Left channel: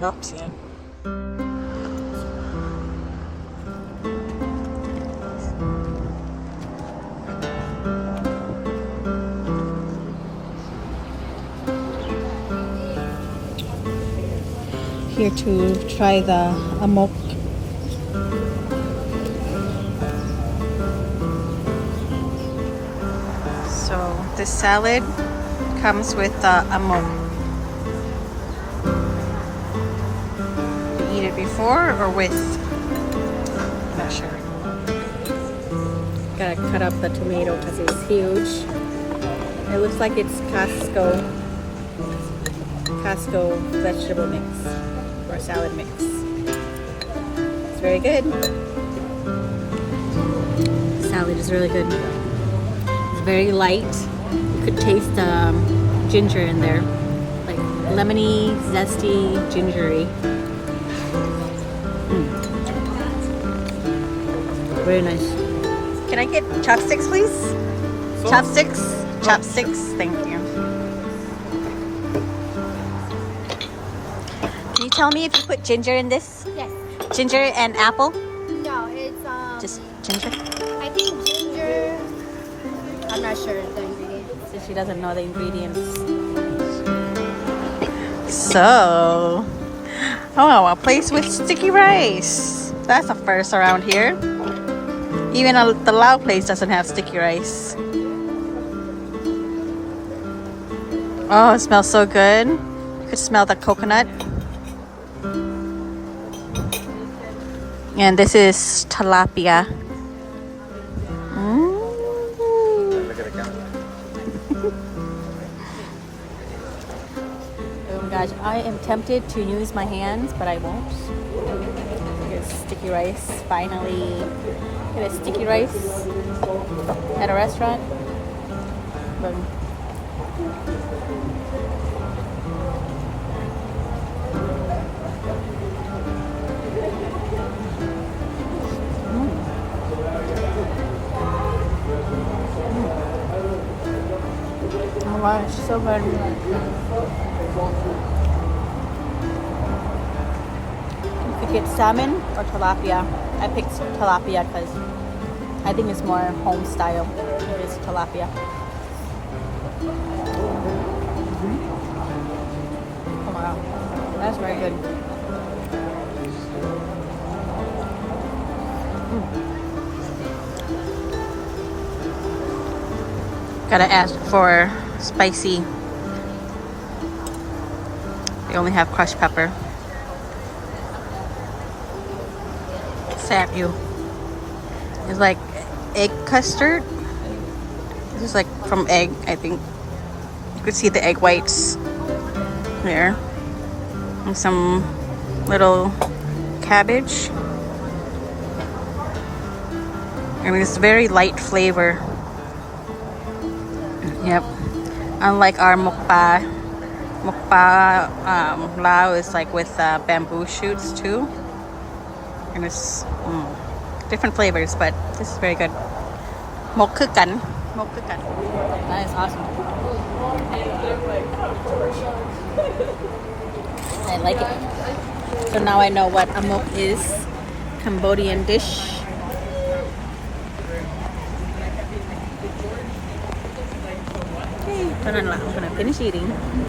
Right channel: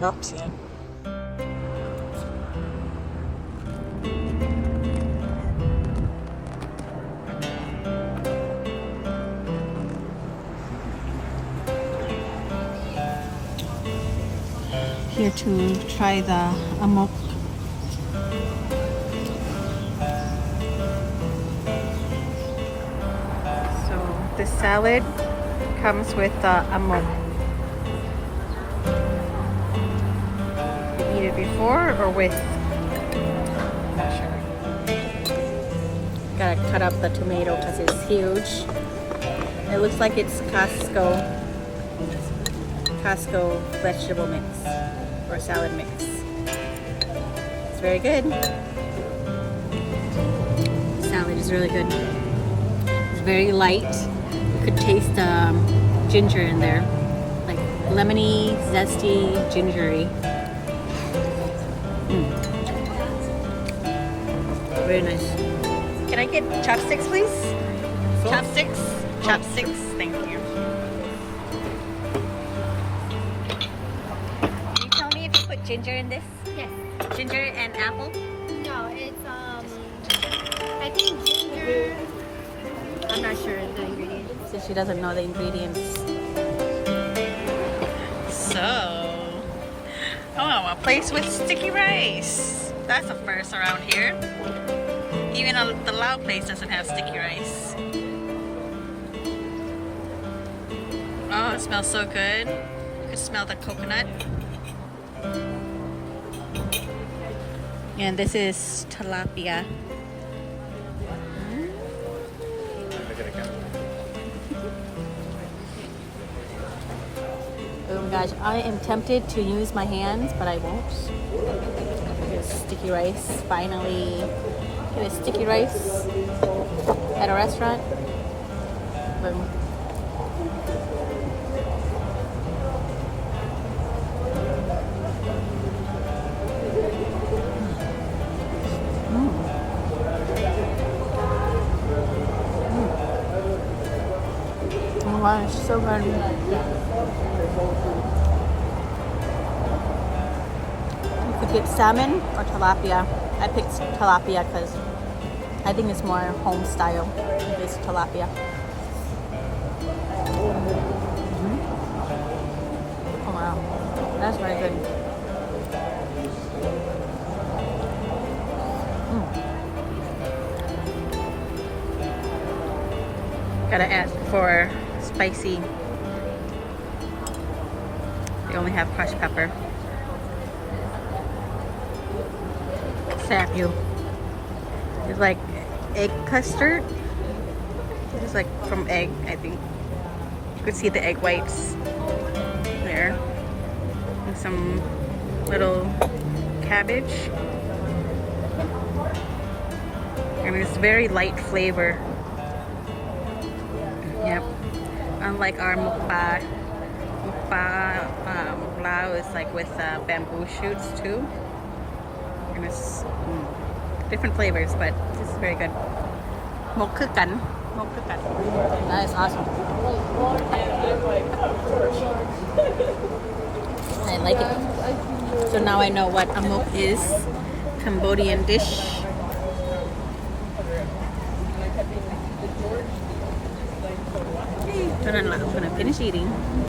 Gabs yan. Here to try the amok. So the salad comes with amok. You eat it before or with? Not sure. Gotta cut up the tomato because it's huge. It looks like it's Costco vegetable mix or salad mix. It's very good. Salad is really good. It's very light. You could taste ginger in there, like lemony, zesty, gingery. Very nice. Can I get chopsticks, please? Chopsticks? Chopsticks, thank you. Can you tell me if you put ginger in this? Yes. Ginger and apple? No, it's Just ginger? I think ginger. I'm not sure of the ingredients. So she doesn't know the ingredients. So, oh, a place with sticky rice. That's a first around here. Even the Lao place doesn't have sticky rice. Oh, it smells so good. You could smell the coconut. And this is tilapia. Oh my gosh, I am tempted to use my hands, but I won't. This sticky rice. Finally, get a sticky rice at a restaurant. Boom. Oh my gosh, so good. You could get salmon or tilapia. I picked tilapia because I think it's more home style. It is tilapia. Oh wow, that's very good. Gotta ask for spicy. They only have crushed pepper. Sap you. It's like egg custard. This is like from egg, I think. You could see the egg whites there. And some little cabbage. I mean, it's very light flavor. Yep. Unlike our mukpa Lao is like with bamboo shoots too. And it's different flavors, but this is very good. Mokคือกัน. Mokคือกัน. That is awesome. I like it. So now I know what amok is. Cambodian dish. I'm gonna finish eating.